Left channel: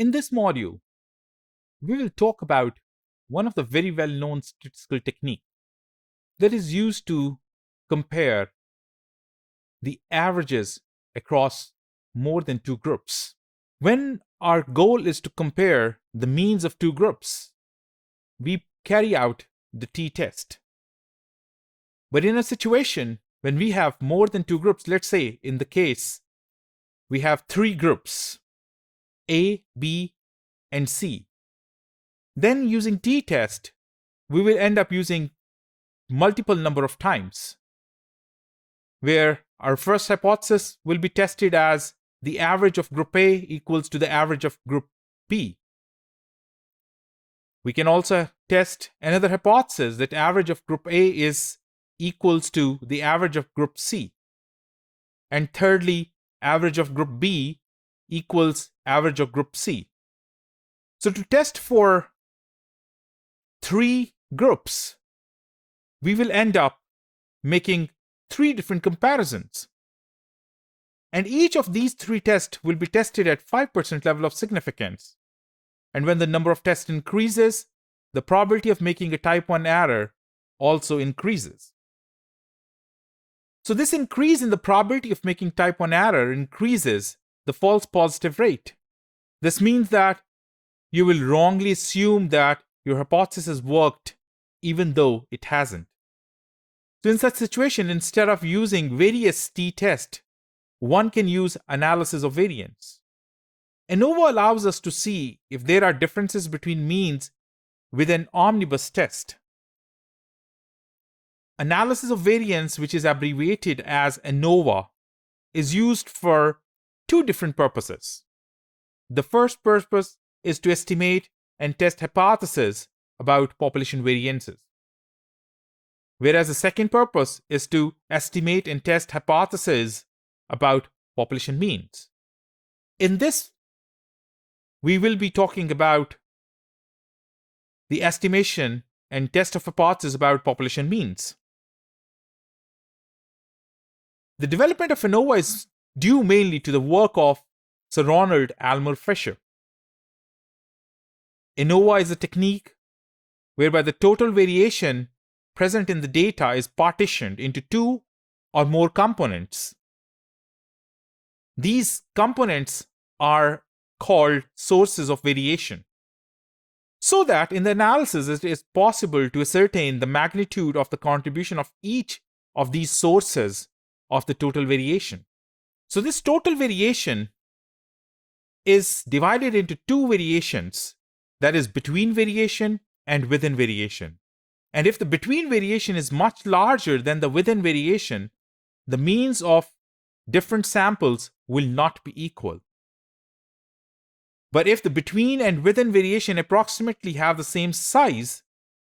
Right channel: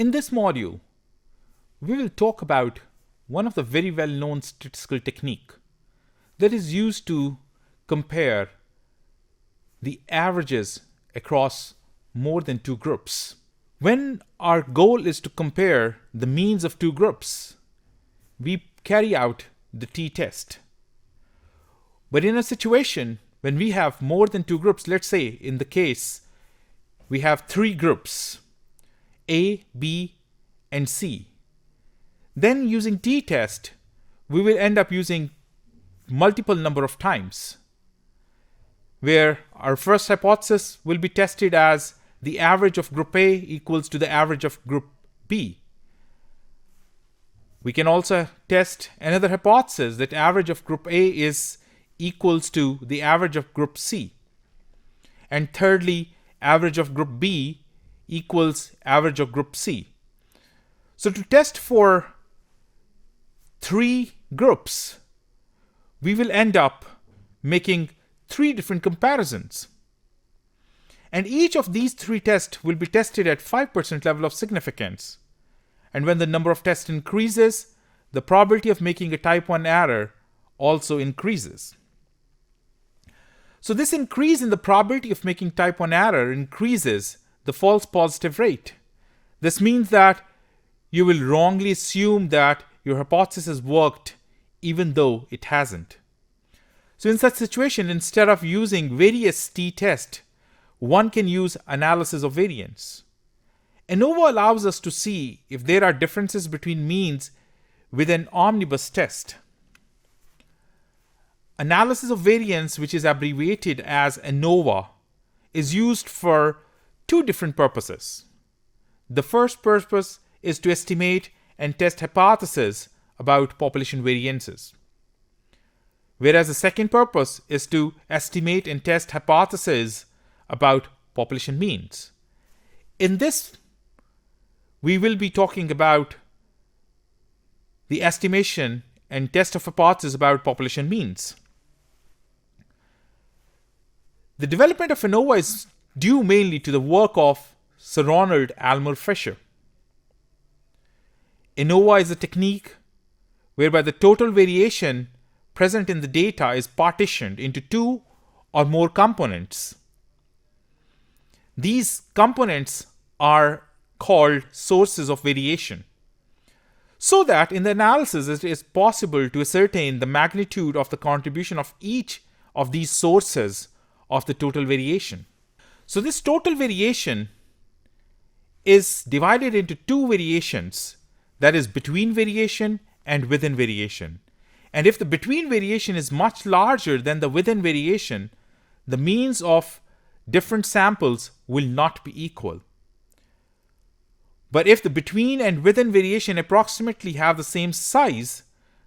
In this module, we will talk about one of the very well-known statistical technique that is used to compare the averages across more than two groups. When our goal is to compare the means of two groups, we carry out the t-test. But in a situation when we have more than two groups, let's say in the case we have three groups, A, B, and C, then using t-test, we will end up using multiple number of times, where our first hypothesis will be tested as the average of group A equals to the average of group B. We can also test another hypothesis that average of group A is equals to the average of group C. And thirdly, average of group B equals average of group C. So to test for three groups, we will end up making three different comparisons. And each of these three tests will be tested at 5% level of significance. And when the number of tests increases, the probability of making a type 1 error also increases. So this increase in the probability of making type 1 error increases the false positive rate. This means that you will wrongly assume that your hypothesis worked even though it hasn't. So in such situation, instead of using various t-test, one can use analysis of variance. ANOVA allows us to see if there are differences between means with an omnibus test. Analysis of variance, which is abbreviated as ANOVA, is used for two different purposes. The first purpose is to estimate and test hypotheses about population variances, whereas the second purpose is to estimate and test hypotheses about population means. In this, we will be talking about the estimation and test of hypotheses about population means. The development of ANOVA is due mainly to the work of Sir Ronald Almer Fisher. ANOVA is a technique whereby the total variation present in the data is partitioned into two or more components. These components are called sources of variation, so that in the analysis it is possible to ascertain the magnitude of the contribution of each of these sources of the total variation. So this total variation is divided into two variations, that is between variation and within variation. And if the between variation is much larger than the within variation, the means of different samples will not be equal. But if the between and within variation approximately have the same size,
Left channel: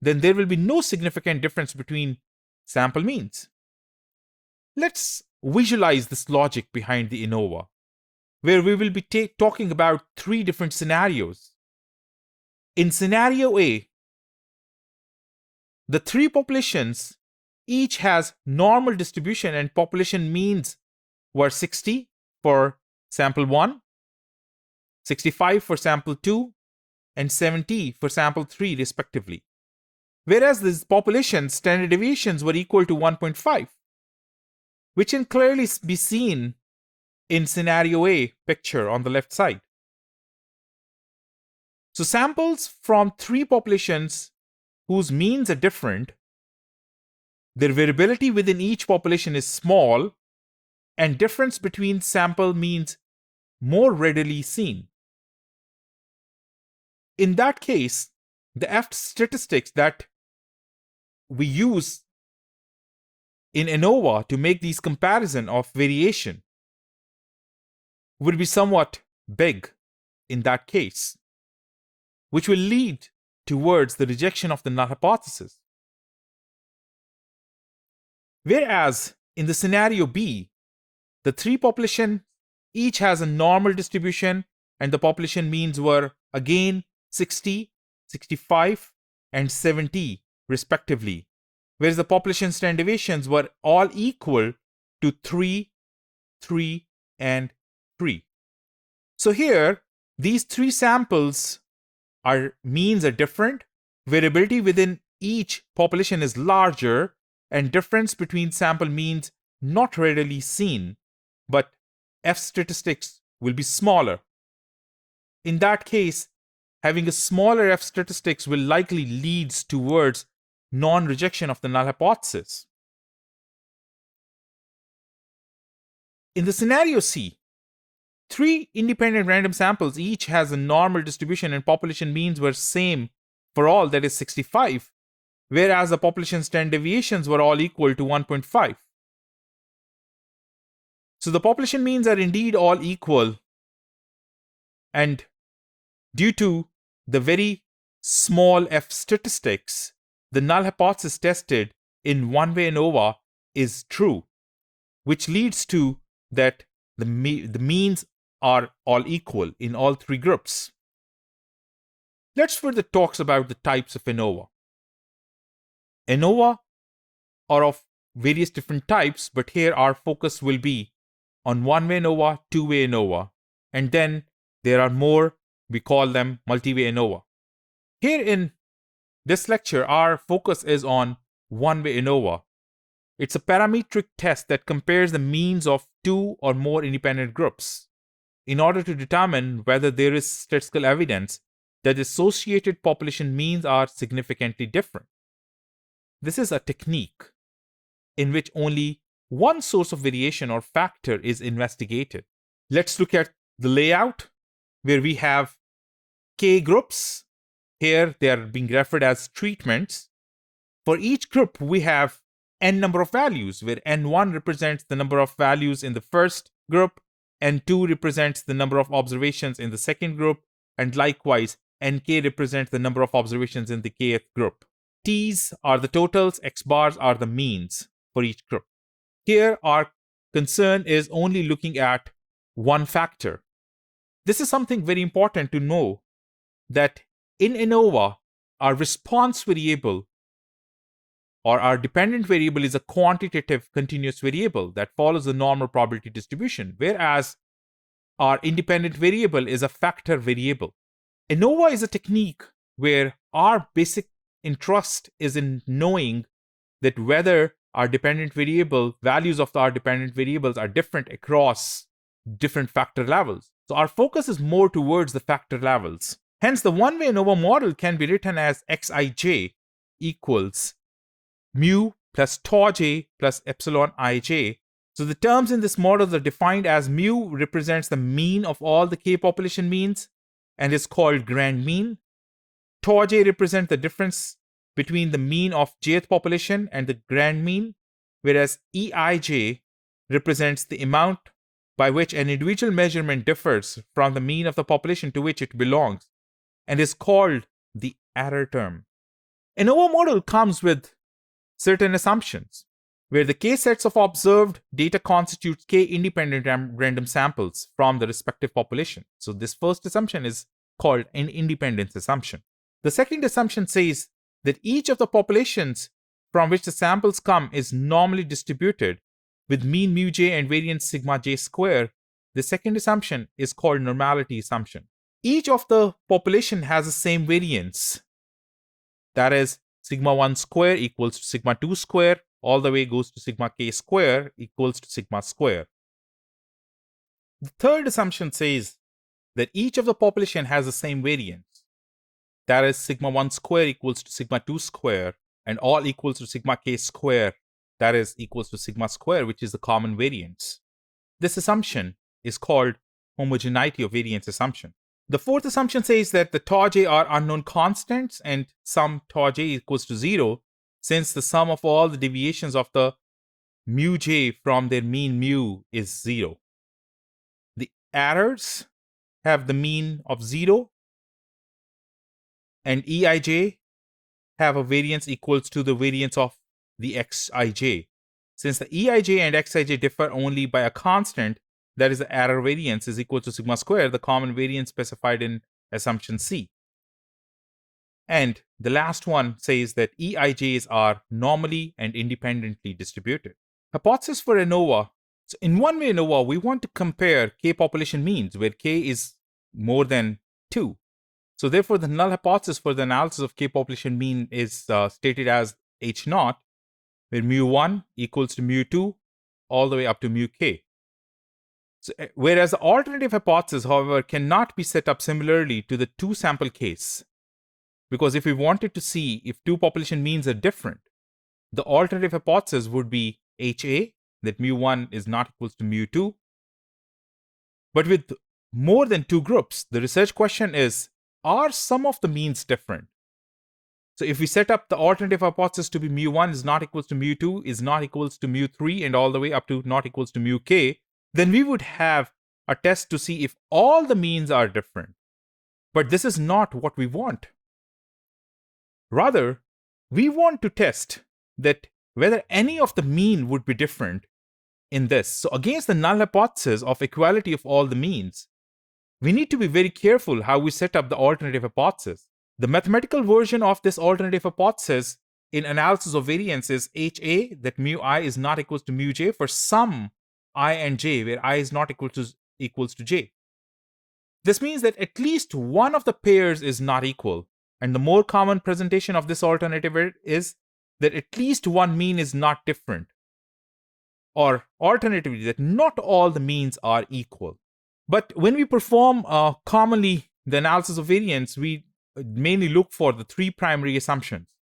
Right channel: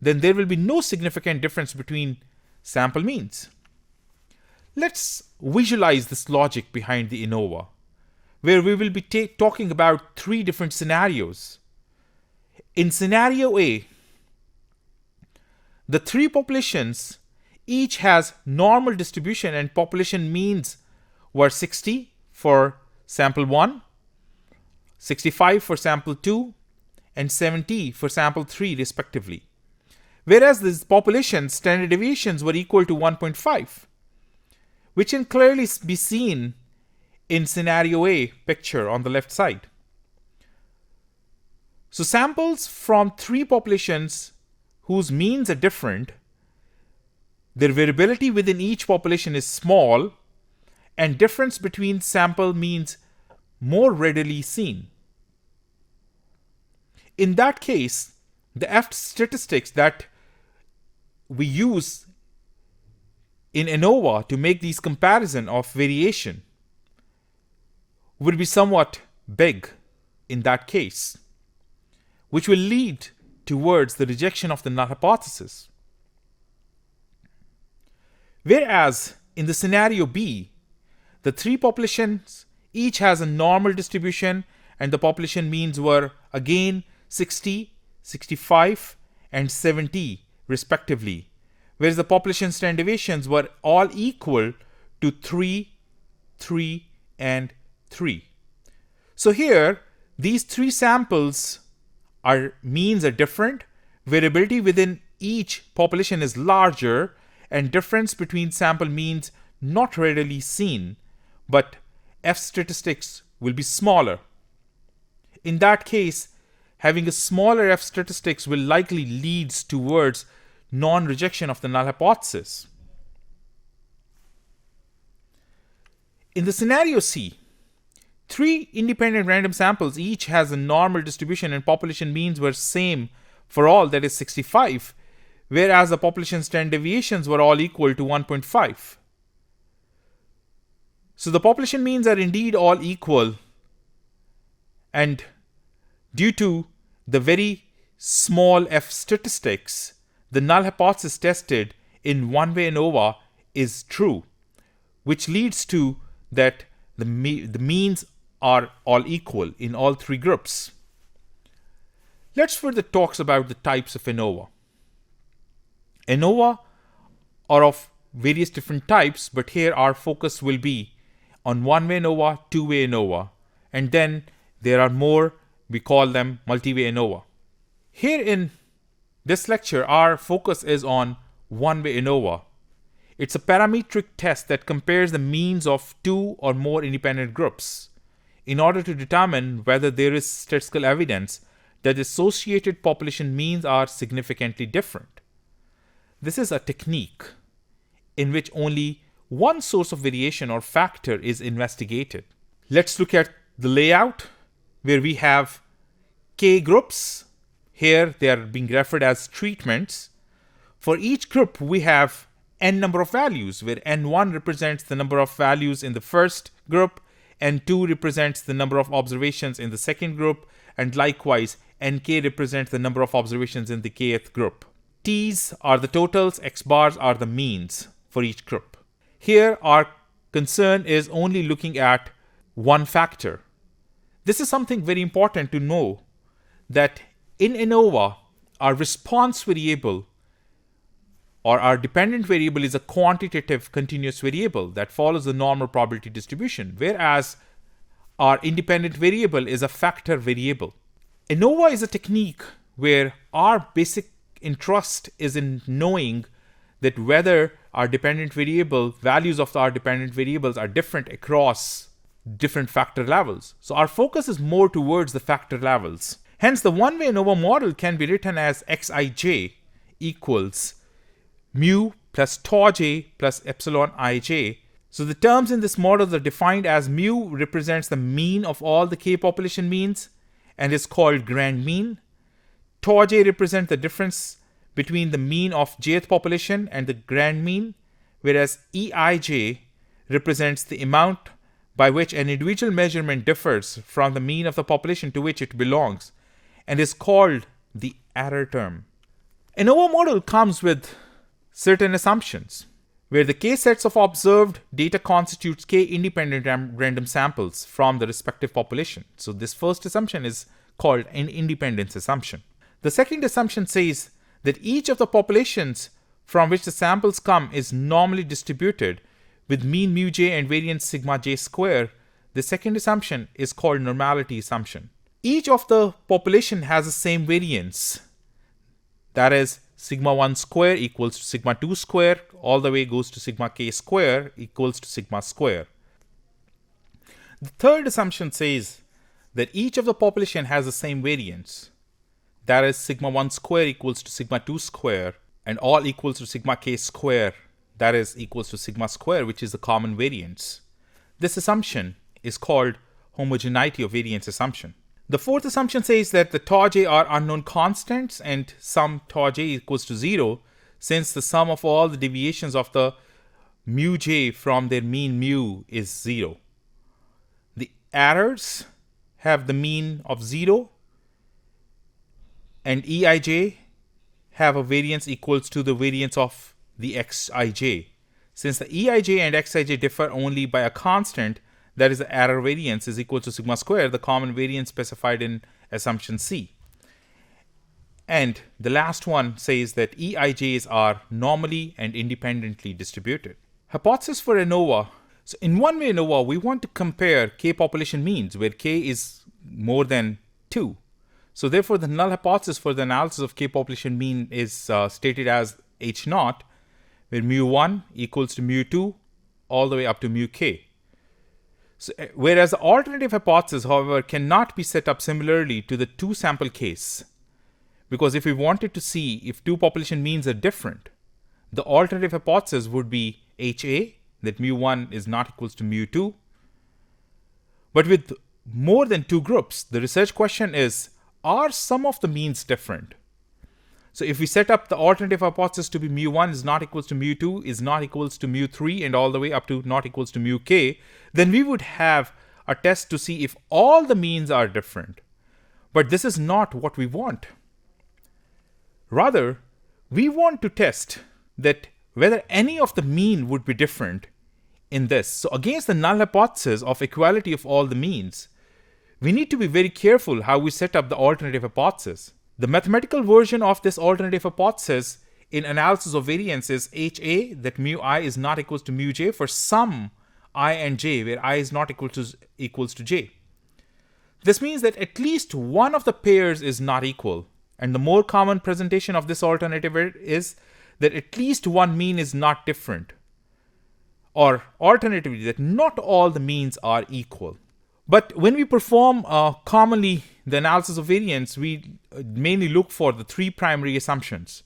then there will be no significant difference between sample means. Let's visualize this logic behind the ANOVA, where we will be talking about three different scenarios. In scenario A, the three populations each has normal distribution and population means were 60 for sample 1, 65 for sample 2, and 70 for sample 3 respectively. Whereas these population standard deviations were equal to 1.5, which can clearly be seen in scenario A picture on the left side. So samples from three populations whose means are different, their variability within each population is small, and difference between sample means more readily seen. In that case, the F statistics that we use in ANOVA to make these comparison of variation would be somewhat big in that case, which will lead towards the rejection of the null hypothesis. Whereas in the scenario B, the three populations each has a normal distribution and the population means were again 60, 65, and 70 respectively, whereas the population standard deviations were all equal to 3, 3, and 3. So here These three samples means are different. Variability within each population is larger, and difference between sample means not readily seen, but F statistics will be smaller. In that case, having a smaller F statistics will likely lead towards non-rejection of the null hypothesis. In the scenario C, 3 independent random samples each has a normal distribution and population means were same for all, that is 65, whereas the population standard deviations were all equal to 1.5. So the population means are indeed all equal, and due to the very small F statistics, the null hypothesis tested in one-way ANOVA is true, which leads to that the means are all equal in all three groups. Let's further talk about the types of ANOVA. ANOVA are of various different types, but here our focus will be on one-way ANOVA, two-way ANOVA, and then there are more, we call them multi-way ANOVA. Here in this lecture, our focus is on one-way ANOVA. It's a parametric test that compares the means of two or more independent groups in order to determine whether there is statistical evidence that associated population means are significantly different. This is a technique in which only one source of variation or factor is investigated. Let's look at the layout where we have K groups. Here they are being referred as treatments. For each group we have n number of values, where n1 represents the number of values in the first group, n2 represents the number of observations in the second group, and likewise nk represents the number of observations in the kth group. T's are the totals, x bars are the means for each group. Here our concern is only looking at one factor. This is something very important to know, that in ANOVA our response variable or our dependent variable is a quantitative continuous variable that follows the normal probability distribution, whereas our independent variable is a factor variable. ANOVA is a technique where our basic interest is in knowing that whether our dependent variable, values of our dependent variables are different across different factor levels. So our focus is more towards the factor levels. Hence, the one-way ANOVA model can be written as xij equals mu plus tau j plus epsilon ij. So the terms in this model are defined as mu represents the mean of all the k population means and is called grand mean. Tau j represents the difference between the mean of jth population and the grand mean, whereas eij represents the amount by which an individual measurement differs from the mean of the population to which it belongs and is called the error term. ANOVA model comes with certain assumptions, where the k sets of observed data constitutes k independent random samples from the respective population. So this first assumption is called an independence assumption. The second assumption says that each of the populations from which the samples come is normally distributed with mean mu j and variance sigma j square. The second assumption is called normality assumption. Each of the population has the same variance, that is sigma 1 square equals to sigma 2 square, all the way goes to sigma k square equals to sigma square. The third assumption says that each of the population has the same variance, that is sigma 1 square equals to sigma 2 square, and all equals to sigma k square, that is equals to sigma square, which is the common variance. This assumption is called homogeneity of variance assumption. The fourth assumption says that the tau j are unknown constants and sum tau j equals to 0, since the sum of all the deviations of the mu j from their mean mu is 0. The errors have the mean of 0, and eij have a variance equals to the variance of the xij. Since the eij and xij differ only by a constant, that is the error variance is equal to sigma square, the common variance specified in assumption C. And the last one says that eij's are normally and independently distributed. Hypothesis for ANOVA. So in one-way ANOVA, we want to compare k population means, where k is more than 2. So therefore, the null hypothesis for the analysis of k population mean is stated as h naught, where mu1 equals to mu2 all the way up to mu k. So, whereas the alternative hypothesis, however, cannot be set up similarly to the 2 sample case, because if we wanted to see if 2 population means are different, the alternative hypothesis would be HA, that mu1 is not equals to mu2. But with more than 2 groups, the research question is, are some of the means different? So if we set up the alternative hypothesis to be mu1 is not equals to mu2, is not equals to mu3, and all the way up to not equals to mu k, then we would have a test to see if all the means are different. But this is not what we want. Rather, we want to test that whether any of the mean would be different in this. So against the null hypothesis of equality of all the means, we need to be very careful how we set up the alternative hypothesis. The mathematical version of this alternative hypothesis in analysis of variance is HA, that mu I is not equals to mu j for some I and j, where I is not equals to j. This means that at least one of the pairs is not equal, and the more common presentation of this alternative is that at least one mean is not different, or alternatively, that not all the means are equal. But when we perform commonly the analysis of variance, we mainly look for the 3 primary assumptions.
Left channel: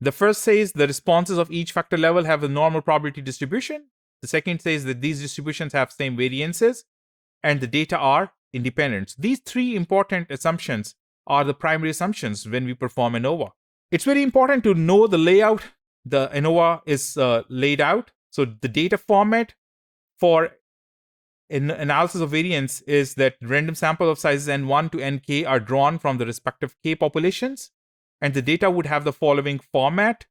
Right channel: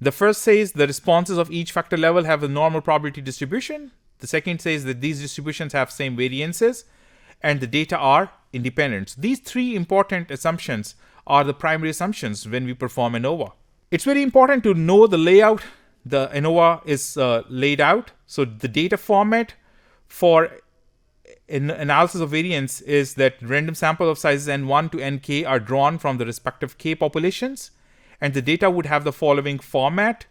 The first says the responses of each factor level have a normal probability distribution. The second says that these distributions have same variances, and the data are independent. These 3 important assumptions are the primary assumptions when we perform ANOVA. It's very important to know the layout the ANOVA is laid out. So the data format for analysis of variance is that random sample of sizes n1 to nk are drawn from the respective k populations, and the data would have the following format,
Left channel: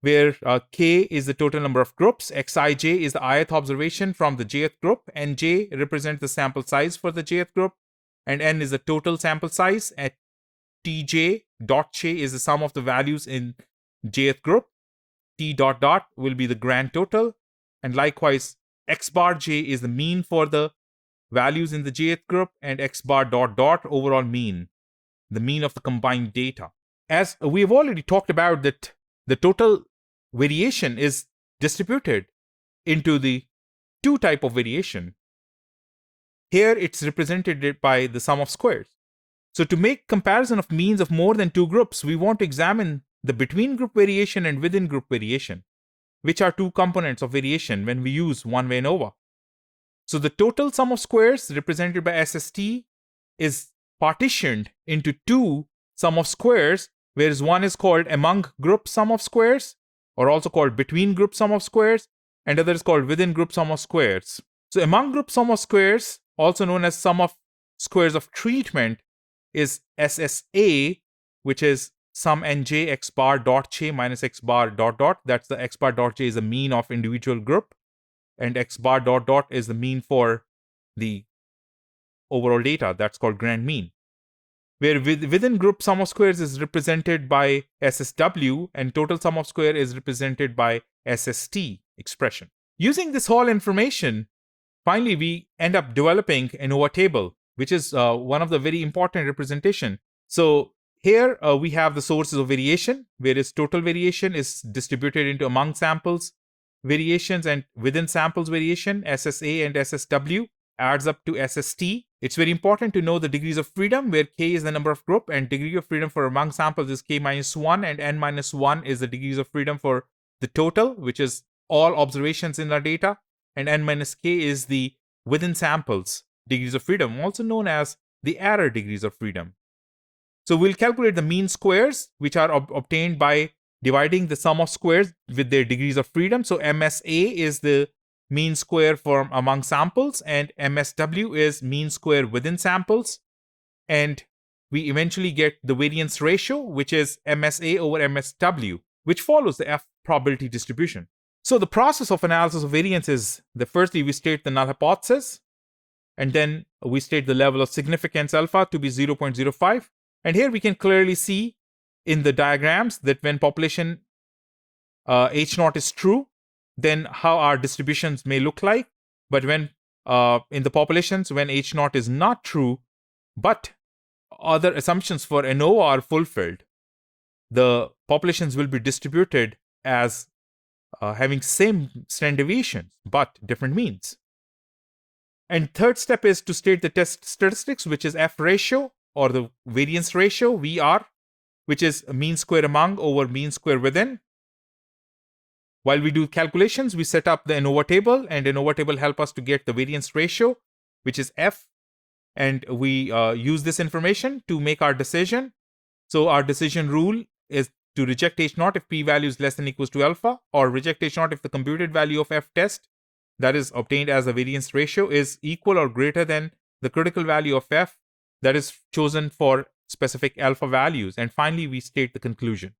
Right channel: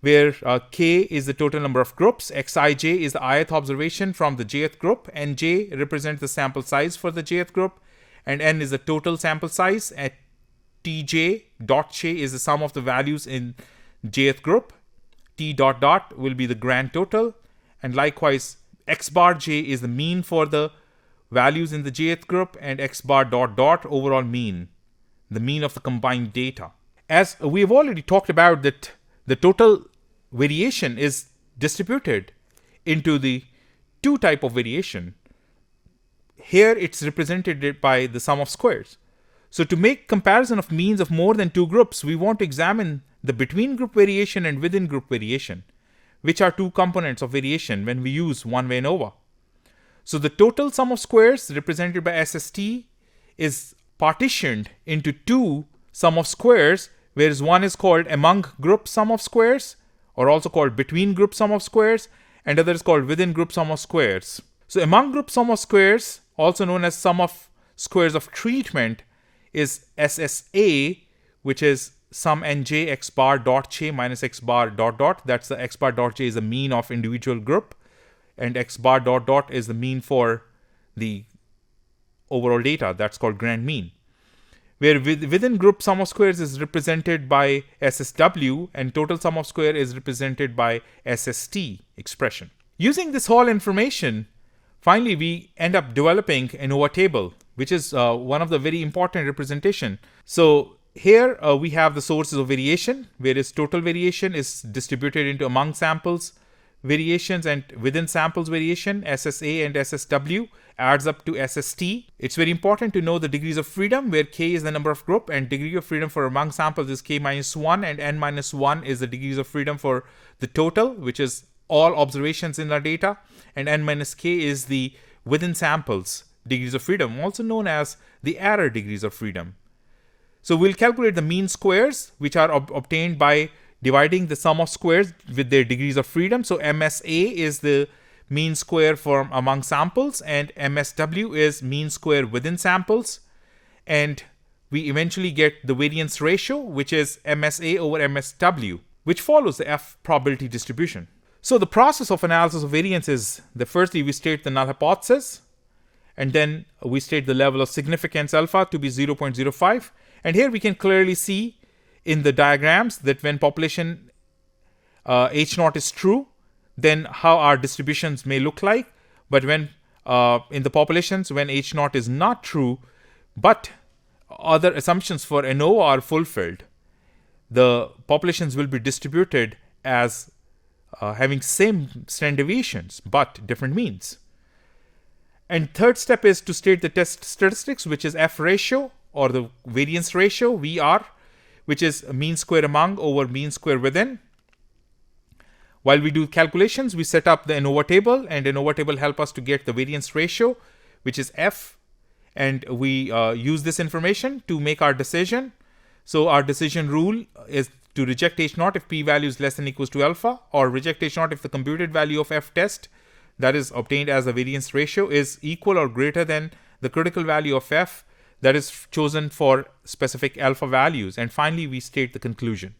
where k is the total number of groups, xij is the ith observation from the jth group, nj represents the sample size for the jth group, and n is the total sample size, at tj dot j is the sum of the values in jth group, t dot dot will be the grand total, and likewise x bar j is the mean for the values in the jth group, and x bar dot dot overall mean, the mean of the combined data. As we've already talked about, that the total variation is distributed into the 2 type of variation. Here it's represented by the sum of squares. So to make comparison of means of more than 2 groups, we want to examine the between group variation and within group variation, which are 2 components of variation when we use one-way ANOVA. So the total sum of squares represented by SST is partitioned into 2 sum of squares, whereas one is called among group sum of squares, or also called between group sum of squares, and other is called within group sum of squares. So among group sum of squares, also known as sum of squares of treatment, is SSA, which is sum nj x bar dot j minus x bar dot dot. That's the x bar dot j is the mean of individual group, and x bar dot dot is the mean for the overall data. That's called grand mean. Where within group sum of squares is represented by SSW, and total sum of square is represented by SST expression. Using this whole information, finally we end up developing an ANOVA table, which is one of the very important representation. So here we have the sources of variation, whereas total variation is distributed into among samples variations and within samples variation. SSA and SSW adds up to SST. It's very important to know the degrees of freedom, where k is the number of group, and degree of freedom for among samples is k minus 1, and n minus 1 is the degrees of freedom for the total, which is all observations in our data, and n minus k is the within samples degrees of freedom, also known as the error degrees of freedom. So we'll calculate the mean squares, which are obtained by dividing the sum of squares with their degrees of freedom. So MSA is the mean square from among samples, and MSW is mean square within samples. And we eventually get the variance ratio, which is MSA over MSW, which follows the F probability distribution. So the process of analysis of variance is that firstly we state the null hypothesis, and then we state the level of significance alpha to be 0.05. And here we can clearly see in the diagrams that when population H0 is true, then how our distributions may look like. But when in the populations, when H0 is not true, but other assumptions for ANOVA are fulfilled, the populations will be distributed as having same standard deviations but different means. And third step is to state the test statistics, which is F ratio or the variance ratio, VR, which is mean square among over mean square within. While we do calculations, we set up the ANOVA table, and ANOVA table help us to get the variance ratio, which is F, and we use this information to make our decision. So our decision rule is to reject H0 if p-value is less than or equals to alpha, or reject H0 if the computed value of F test, that is obtained as a variance ratio, is equal or greater than the critical value of F that is chosen for specific alpha values. And finally, we state the conclusion.